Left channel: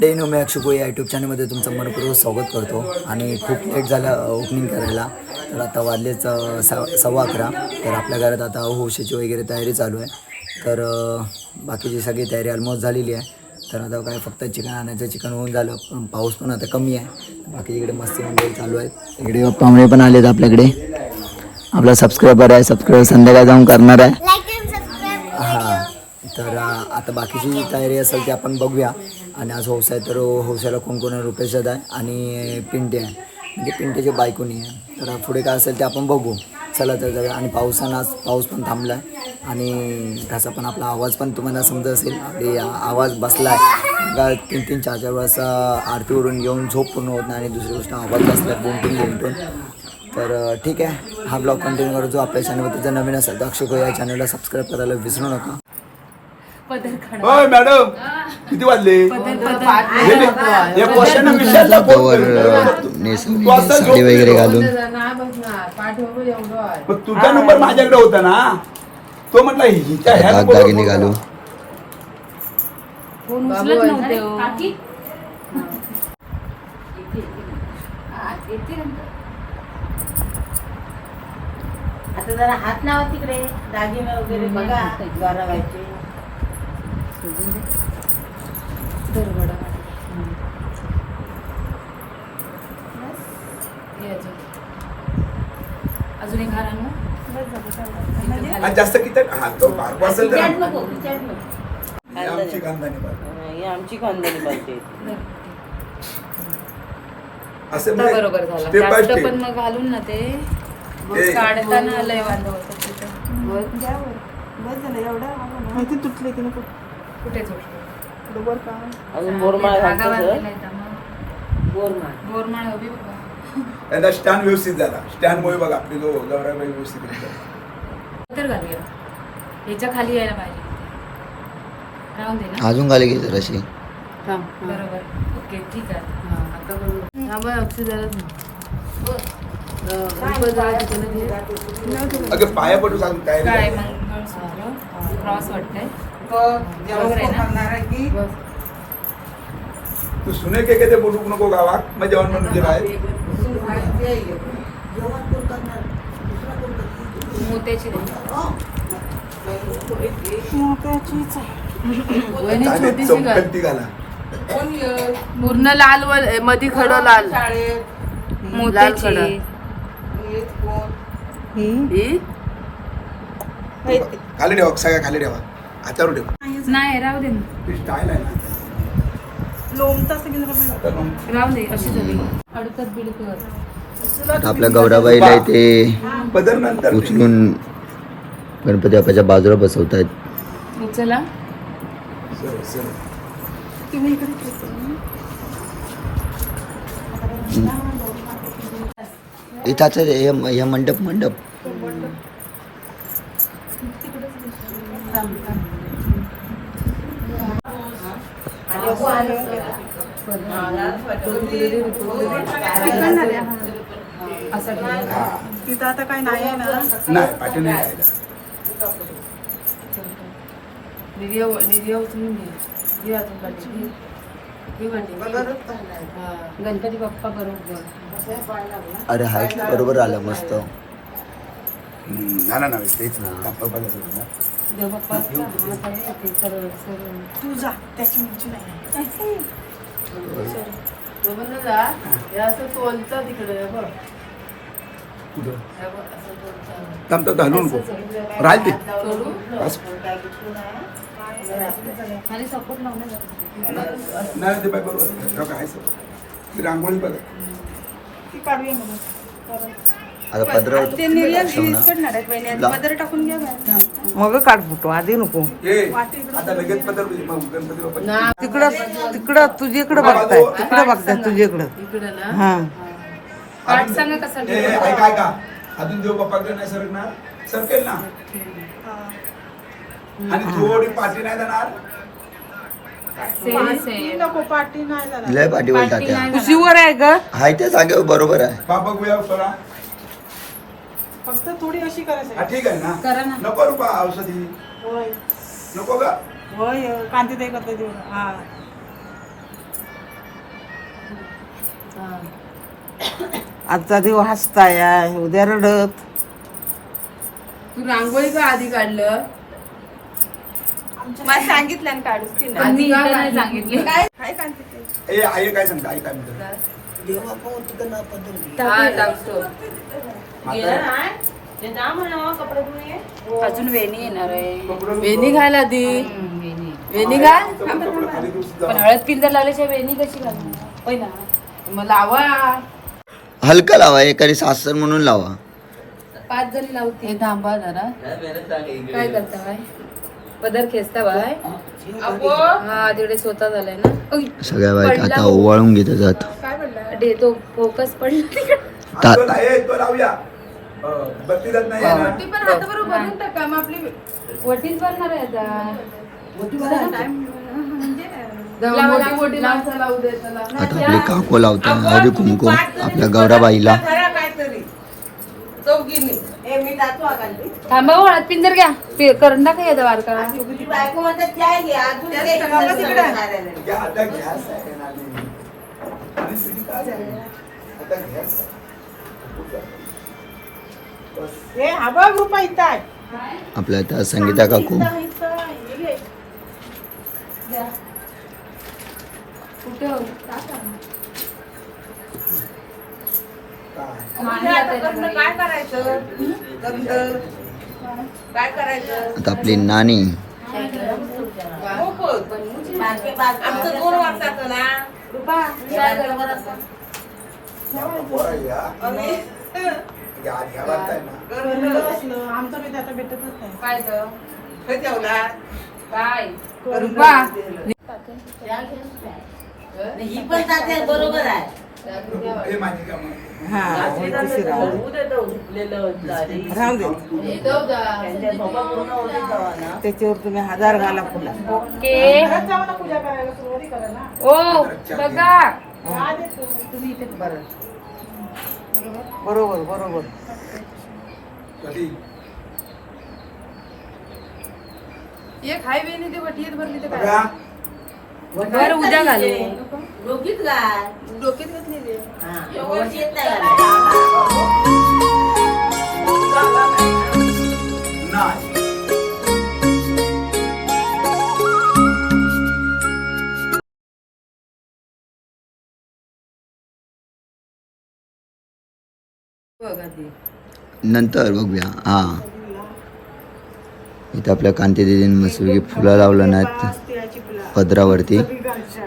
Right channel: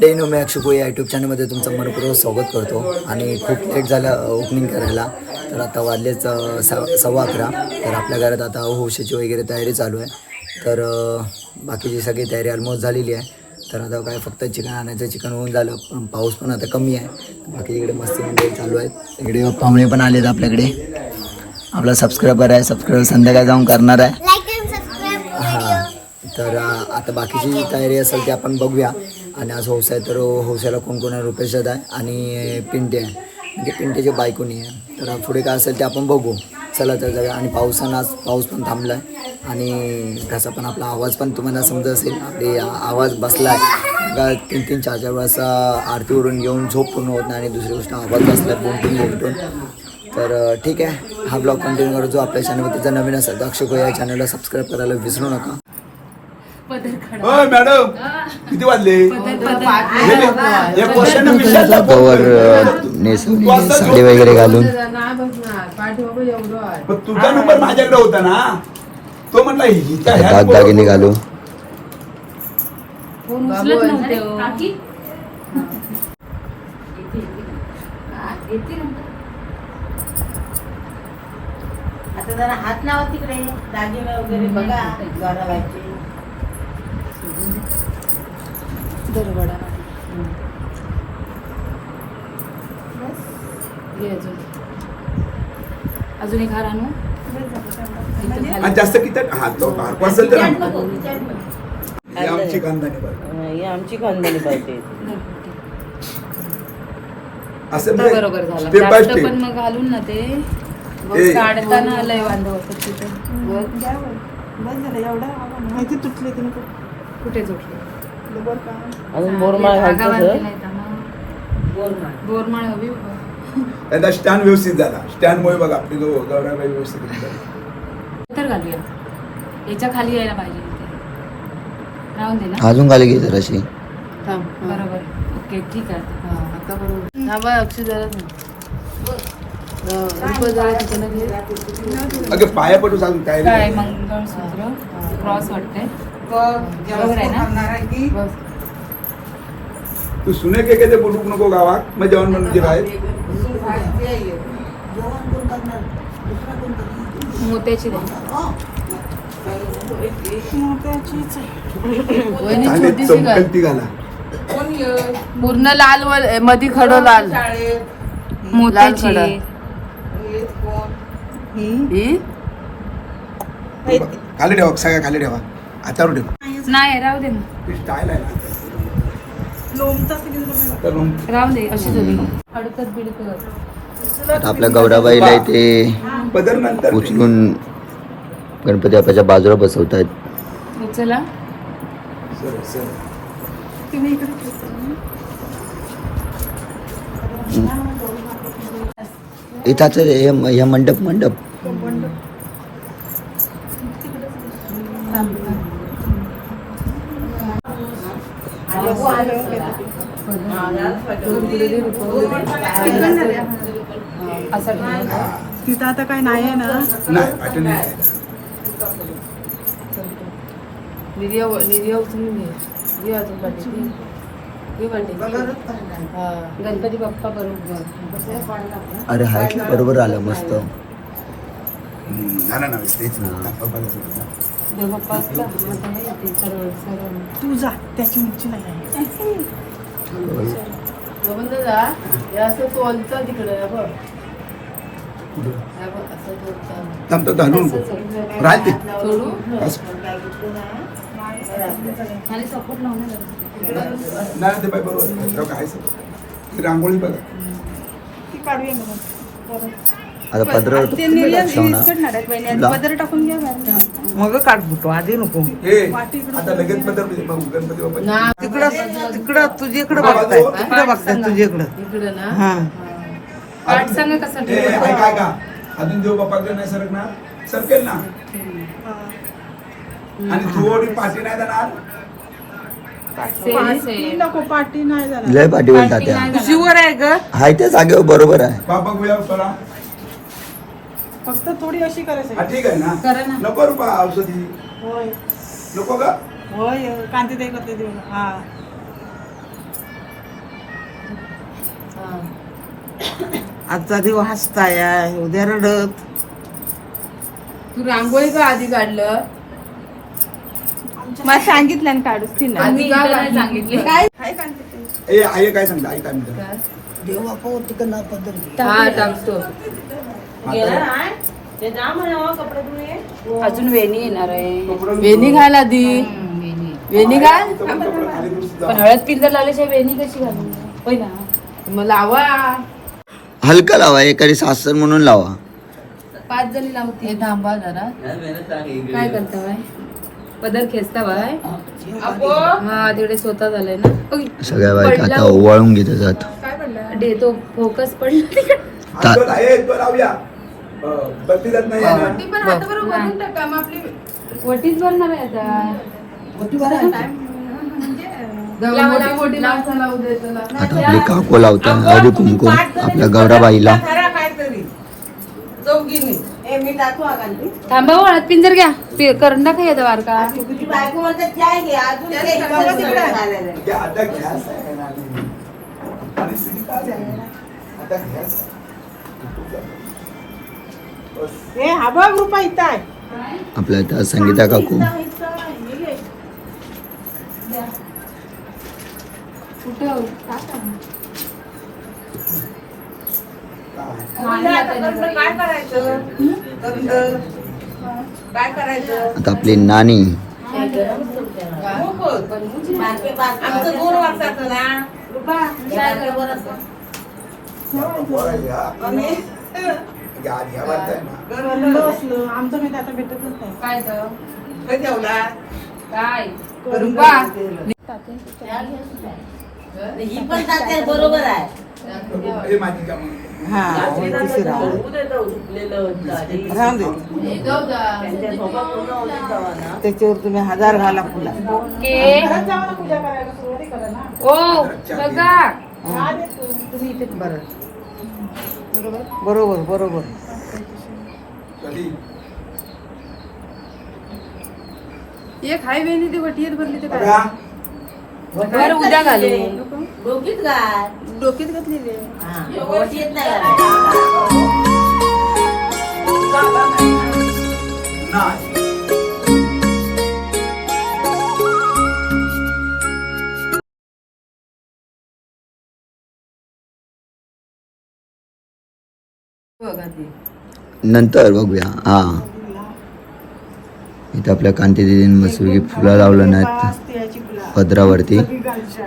नमस्कार मंडळी मी अक्षुको या यूट्यूब चॅनलमध्ये तुमचं मनपूर्वक स्वागत करतो. आणि खूप लेट झालं ओपनिंग करायला. तर आता वाजलेच सव्वा अकरा. तर आपल्या घरात आता होशीची वगैरे तयारी चालू आहे. तर बाकीची सगळी तयारी ऑलमोस्ट झालेली आहे. तर आता काय फक्त चिकन आणायचं चिकन होऊन झालं. पण पाऊस पण आता कमी आहे. बाकी इकडे मस्ती मंडळी चालू आहेत. इकडे पाहुणे पण आलेत आपल्याकडे. आपला सबस्क्रायबर आहे सबस्क्राईब संध्याकाळी जाऊन करणार आहे. हां. तर आता बाकीची तयारी असेल ती आपण बघूया. आणि आज हौसा आहे तर हौसाला कोण कोण आहे रुपेश दादा आहे आणि पिंटे आहे. म्हणजे पिंटेचे बायकोनी आहे. तर पुढे काय असेल ते आपण बघू. चला तर जाऊया. आणि पावसानं आज पाऊस पण थांबला आहे आणि त्याचा पण आपला आवाज पण तुम्हाला समजत असेल. आपली आवाज बसला आहे तीन तीन चार चार वेळेस आरतीवरून येऊन झोप पूर्ण होत नाही आणि दुसरी गोष्ट आवाज बसला आहे बोमटून बोमटून तर ठीक आहे. हा ब्लॉग कंटिन्यू करतो आपल्या चॅनलवर जर नवीन असेल तर अक्षय या चॅनलला सबस्क्राईब करायला विसरू नका. मॅडम. किती वाजले? साडी वगैरे घालून. तुझा नंबर माझ्याकडे होता ना? तो म्हटला दागदागिने घालू फोन उचलत नव्हते हो. आता जरा हात लावा तिकडे. दागिने वगैरे बघा. ये अजून. अजून एक हार आणू? इथं आणि खाली. जास्त किती? तो हे आमची खानदानी बारको. ही आमची खानदानी पाहिजे असं तर नाही. बरोबर झाला. Step by जास्त step. पण घालून ना ते. मग ए. काढताना लय वांदा होतं तिथं. बघ. कुठे झोपलं अजून बोरमाळ धागा घालतो उभी उभा. त्यांना स्टँड व्यवस्थित झाला. स्टँड मुळे बघा आपली जो व्यवस्थित. तर घालूया याच्या खाली यायला पाहिजे. राहून दे ना. अजून खाली घे जराशी बरोबर. ओके ठीक आहे. अगे पाया पडू सांग काय काय नाही. मग क्रॉस वाटते आहे. तू सुने के केले पडू नको गावात मग जेवण मोत्याची चमकलती घाला. पूर्ण लाल व मध्ये खडं लाल. मोत्याची. ही? खाली ठेवा सगळ्या खाली ठेवा. हातावर ठेवा नाही राहू दे ना. राहू दे अशी झाली. अडकत बिडकत आता आपल्या गौराबाईला इथे उचलून गणपती बाप्पाच्या बाजूला बसवत आहेत चला. सरळ, सरळ. इथाच हे मंडप मंडप. असा. नाही पाठी नाही निर्या उचलून घे. अजून पाठी. हा. गणपती बाप्पा बरोबर. अरे हाईटला बरोबर आलं मस्त. हम्म, नाही, नाही, नाही, तेच ना. हा. आपण काय करायचं ना? देव बाप्पाचा हात आहे ते सर्व सर्व जेवण तर जा. हे असं तोलतं तिकडे ना बघ. कुठं? हा बघ, असं तोलतं. थांब, थांब, घालू नको. राहते नाही ते बाई बरोबर रांगोळी बघा आता पदर मग काढ बुटो आधी नको. तिकडं तिकडं तुझ्याकडे बघताय. तिकडे बघताय तुझ्याकडे इकडे. ना. हा. पाठ सांगा कसं. अजून देव बाप्पाकडे नाही सरक ना सरकेल ना. आणि थोडी पाठी नाही जाणार. लय पाठीवर शिवर आहे ग. हाय त्या जागेवर बरोबर आहे. बाबा गोळ्या हा, ठीक आहे ना. करा ना. नको रुपा औषधी. नको का? होय कांती करता हा. आजचा दिवस हसताय उद्या रडत. तू रांगोळी का आधी काढलं? मला सांगितलं ना काढूच. आधी मी का इतर काढली? नाही सांगितली. ए आई काय सांगता आई काय म्हणतो? हा टाकतो अजून वेणी येणार आहे. वेणी घाल आधी. वेणी. वेणी घाल. पण हळद पिंजर लावल्याशिवाय वेणी कशी घालू पहिला मग लावा. हलका लावा एखादी सासर म्हणून लावा. पाच जणी लावते. हे थांबा जरा. काय करते बाय पदर खेचता बाय हा. तिकडे स्वतः झालंय ना. सगळ्या बायका आता ओवाळून घेत जात दे तो फोकस पडला ता- तो आहे. वटीच बनणार आहे आता. आपले काको लावताय हळदी कुंकुम आपल्या गौराबाईला. थांबा हो, हळद पिंजर घ्या. पि- करून टाका बायको आपल्या त्या संगीता काकू. कुठं काय करायचं? नंतर काय करायचं? आता आपली नानी. आमचं आमचं मी आता भेटतच नाही. काय तर? हे ठेवला काय? रुपा ही पण जाते बरोबर आहे. हे माझी काम. हा तिसरी राहू राहून दे त्याच्यावर तुम्ही हजार घाला फुला. ओके. ओ बघा. बरोबर बरोबर? एक हाय वेणी ती वटी भरली ती बघा. बर उद्या घालू डोकीत काय डोक्यात घेतली वेणी. हा, वरती येत नाही घालायला. नाही. बघा ती. नंतर बघूया. हा. इथं आपल्या कांती दिदीने मस्तपैकी फुलं लावलं नाहीत. पदरावरती.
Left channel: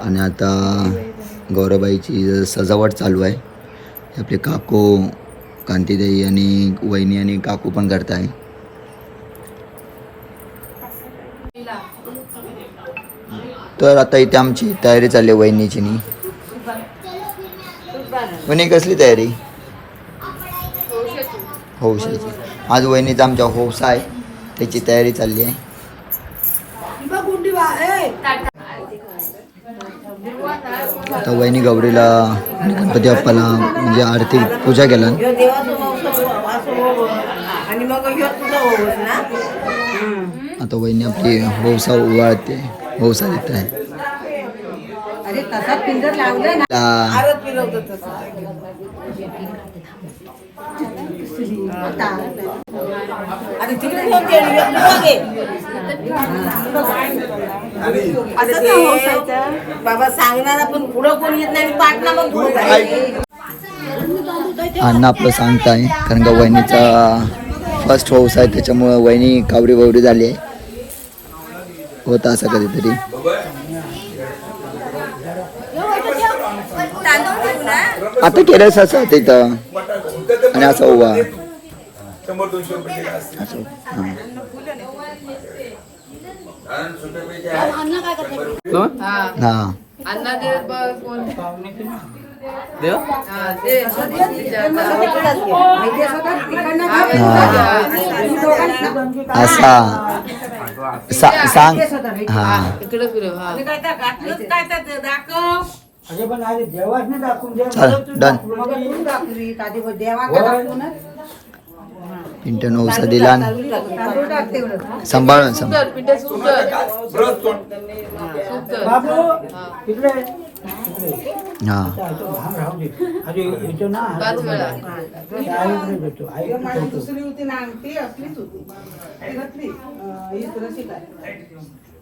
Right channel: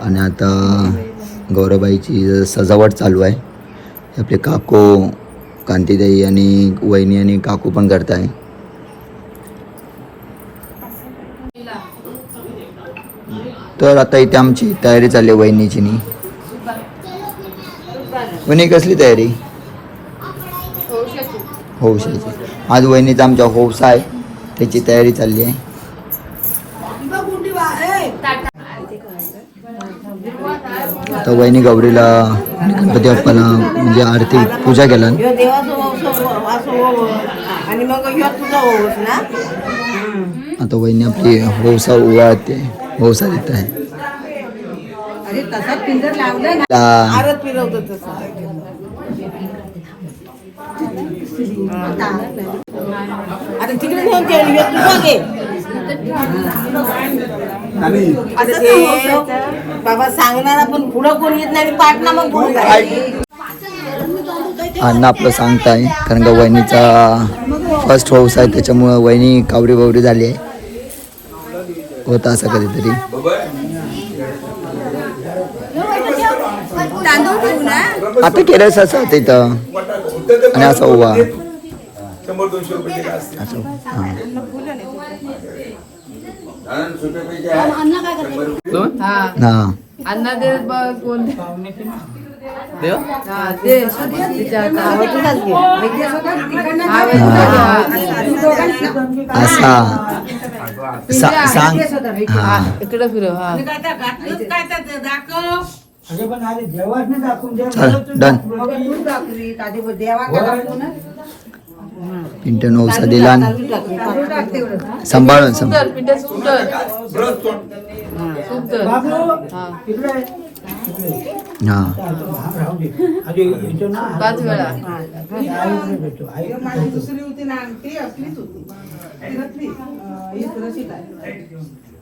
आणि आता गौराबाईची सजावट चालू आहे. आपले काकू कांतीदाई आणि वहिनी आणि काकू पण करत आहे तर आता इथे आमची तयारी चालली आहे वहिनीची नी वहिनी कसली तयारी? हौशाची आज वहिनीचा आमच्या हौसा आहे. त्याची तयारी चालली आहे. आता वहिनी गौरीला गणपती बाप्पाला म्हणजे आरती पूजा केला. आता वहिनी आपली हौसा उगाळते हौसा देत आहे अरे तसा पिंजर लावलं ना ला- परत फिरवतो तसं आणि तिकडे कोण ते? ह्यो तुझा घे. आणि आणि ते बाबा सांगणारा पण पुढं कोण येत नाही पाठला मग कोण अण्णा आपलं सांगताय कारण का वहिनीचा फर्स्ट हाऊस आहे त्याच्यामुळं वहिनी कावरी बावरी झाली आहे. होता असं कधीतरी. आता केलं असं इथं आणि असा उभा. शंभर दोनशे रुपये दिले असतील. हा अण्णा दे बघ कोण हा ते तिच्या हा असा सा- सांग हा तुला फिरव हा मी काय तर घातलंच काय तर दाखव चल डन पिंट नवसा दिला सांभाळून सांभाळ हा. दुसरी होती ना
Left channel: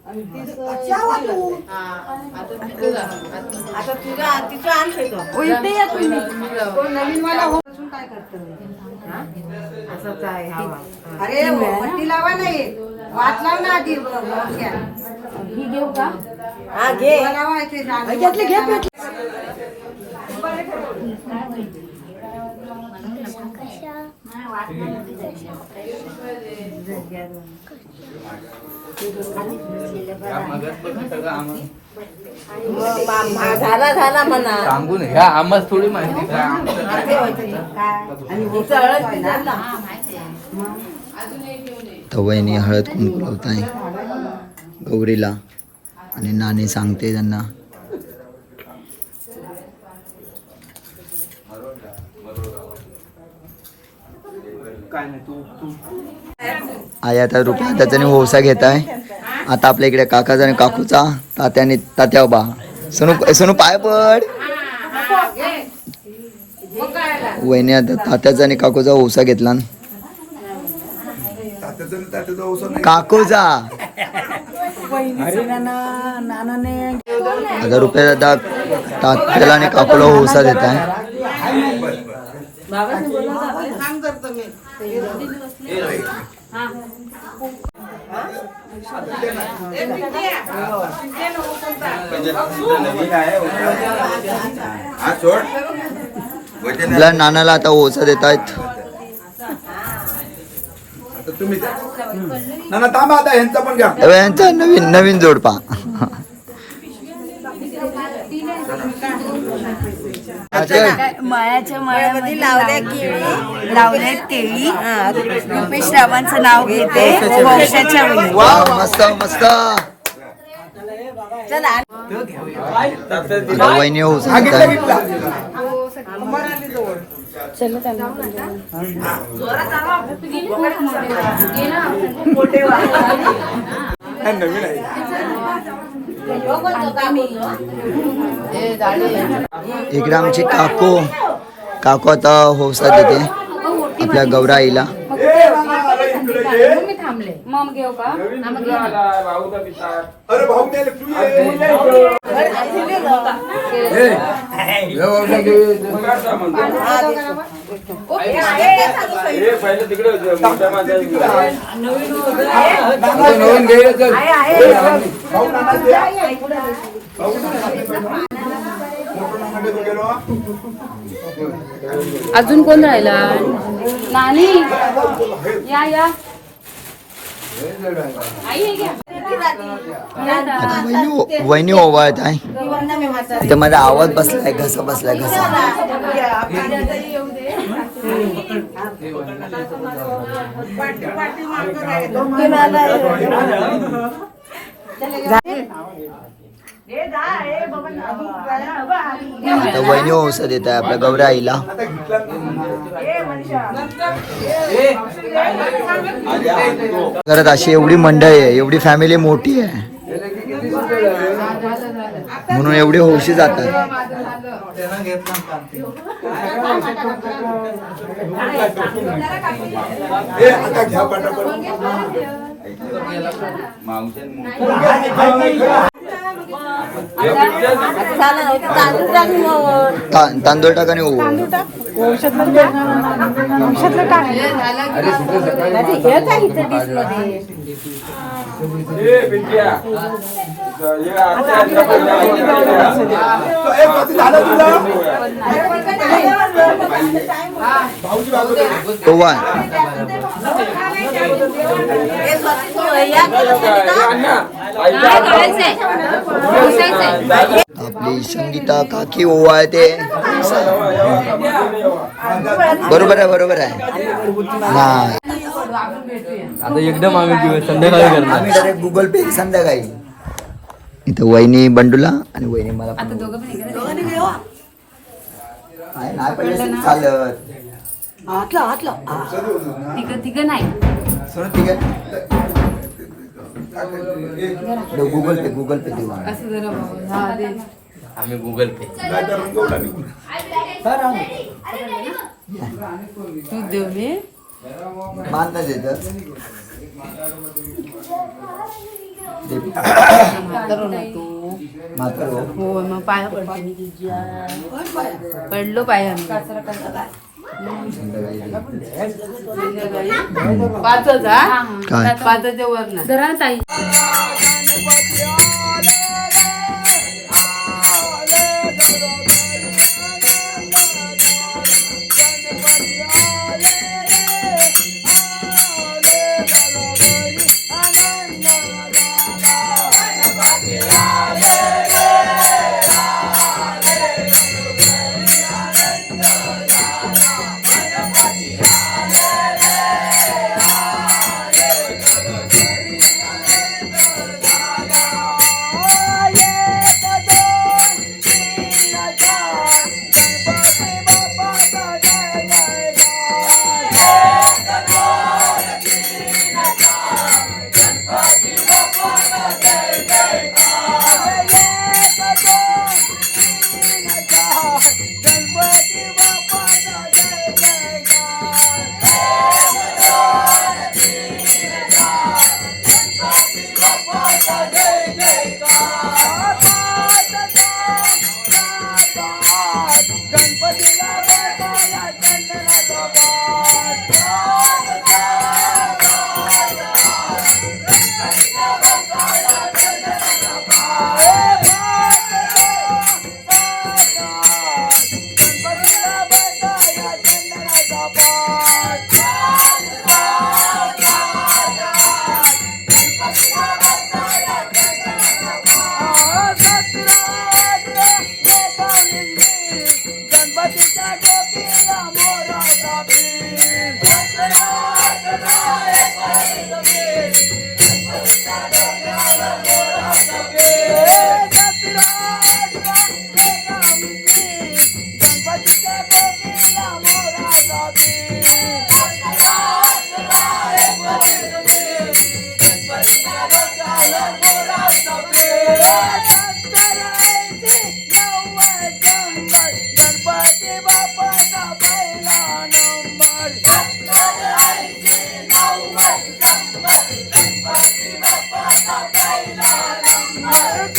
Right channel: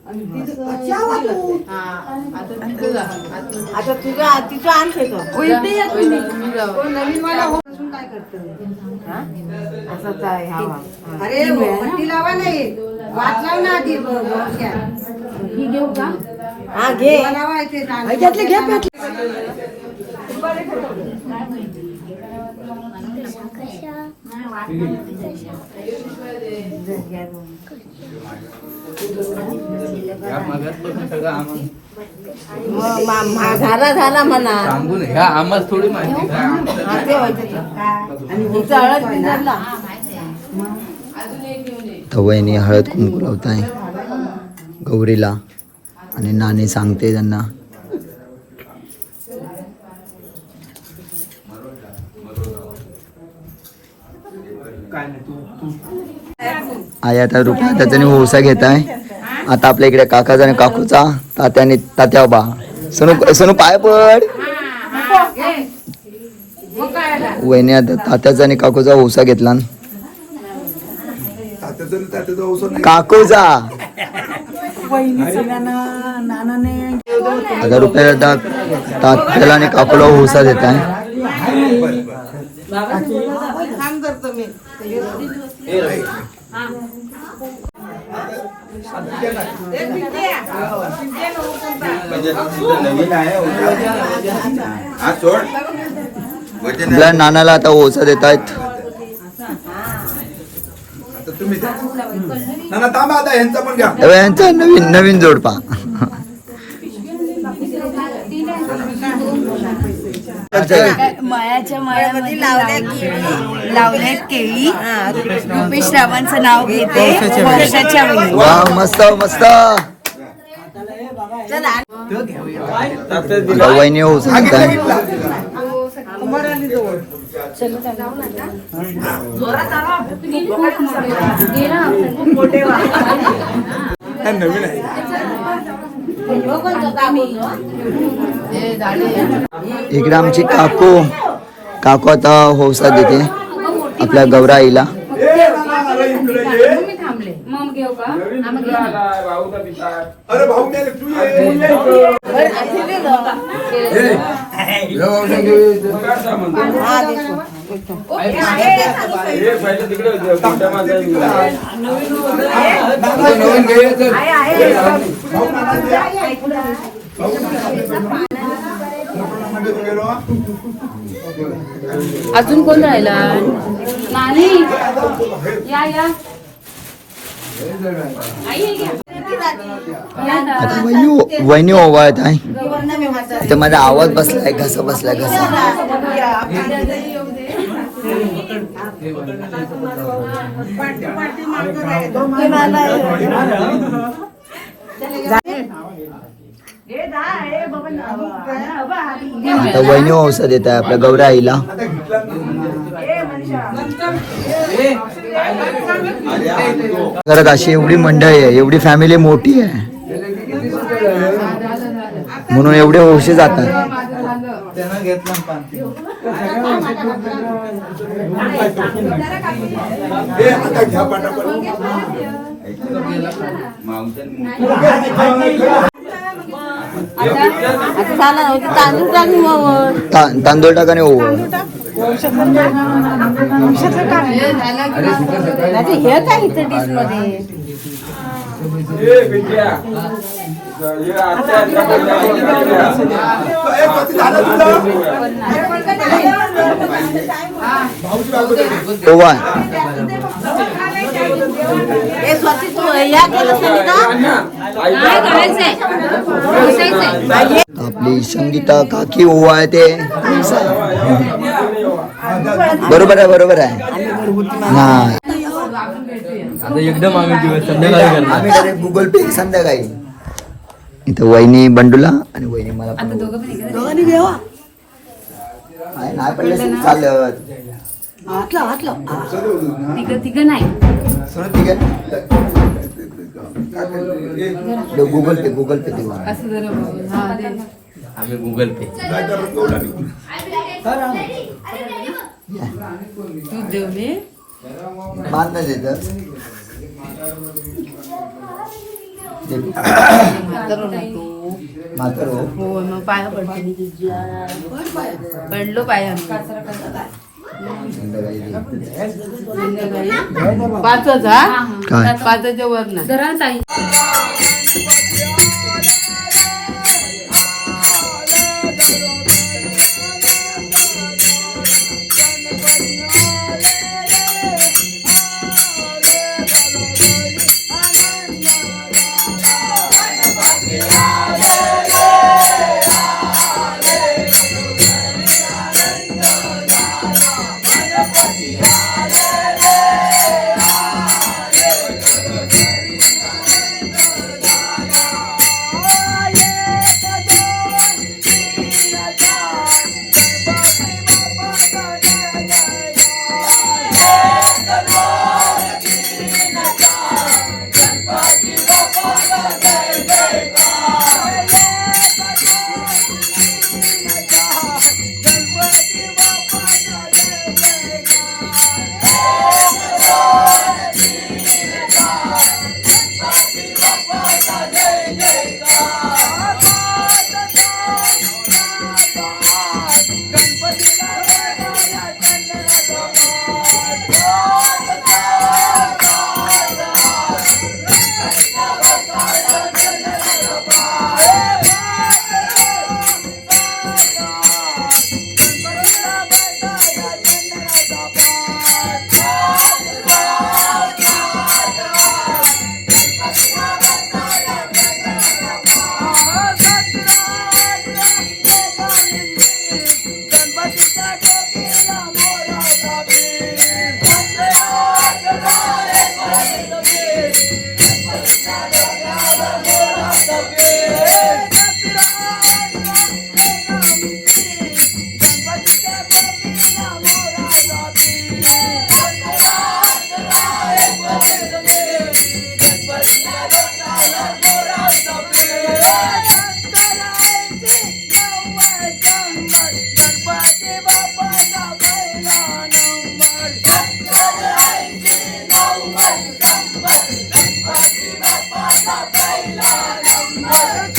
ती असलीच होती तिच्यातली, अं, ही काय. असंच आहे अरे वरती लावा नाही वाट लाव ना आधी ही घेऊ का? हा घे. लावायचे झाला म्हणा थोडी माहिती का आणि पुढचा हळद पिंजारला. तर वहिनी हळद कुंकू लावत आहे गौरीला आणि नाणे सांगते त्यांना आई आता रुपया त्याच्याने ओसा घेत आहे आता आपल्या इकडे काकाचा आणि काकूचा तात्याने तात्या बा सोनू सोनू पाय पड. वहिनी आता तात्याचा आणि काकूचा ओसा घेतला. काकूचा. आता रुपया दादा तात्याला आणि काकूला ओसा देत आहे नवीन आहे औषध. हा सोड. वचन आपल्या नानाला आता ओसा देत आहेत. यांचा नवीन नवीन जोडपा माळ्याच्या माळ्यामध्ये लावले- लावलेत केळी. रुपेश रावांचं नाव घेते. वंशाच्या मस्त मस्त. वहिनी हो, ओसा देत इकडे आमची काकू. काकू आता होसा देते आपल्या गौराईला. थांबले मग घेऊ का अजून कोण राहिला? नाही. या या. वहिनी वहिनी ओवाळत आहे ते माझा आवाज बसलाय घसा बसलाय घसा. आता वहिनी ओसा देत आहे आपल्या गौराईला. घरात अशी एवढी मंडळी आहे एवढी फॅमिली मोठी आहे. म्हणून एवढे होशे जातात. तांदूळ टाकाने ओव काय बसायचंय. आपली संगीता काकी ओवाळते बरोबर आहे बरोबर आहे. हा. आता एकदम आम्ही दिवस संध्याकाळी करणार. आम्ही डायरेक्ट गुगल पे संध्याकाळी. इथं वहिनी बंडूला आणि वहिनी मला पण आहे, नाही पडले चालत. तिघं तिघं नाही. सोनं ठीक आहे गुगल पे गुगल पे देऊ आम्ही. असं जरा बोल. हा, दे. आम्ही गुगल पे काय तर एवढा नाही तू जेवली मान नाही देत देतो. म्हातारो ना तू म्हातार हो मग पाया पडते. पडलो पाया. पाच होता काय? पाचाच्या वर ना धरा ना ताई नंबर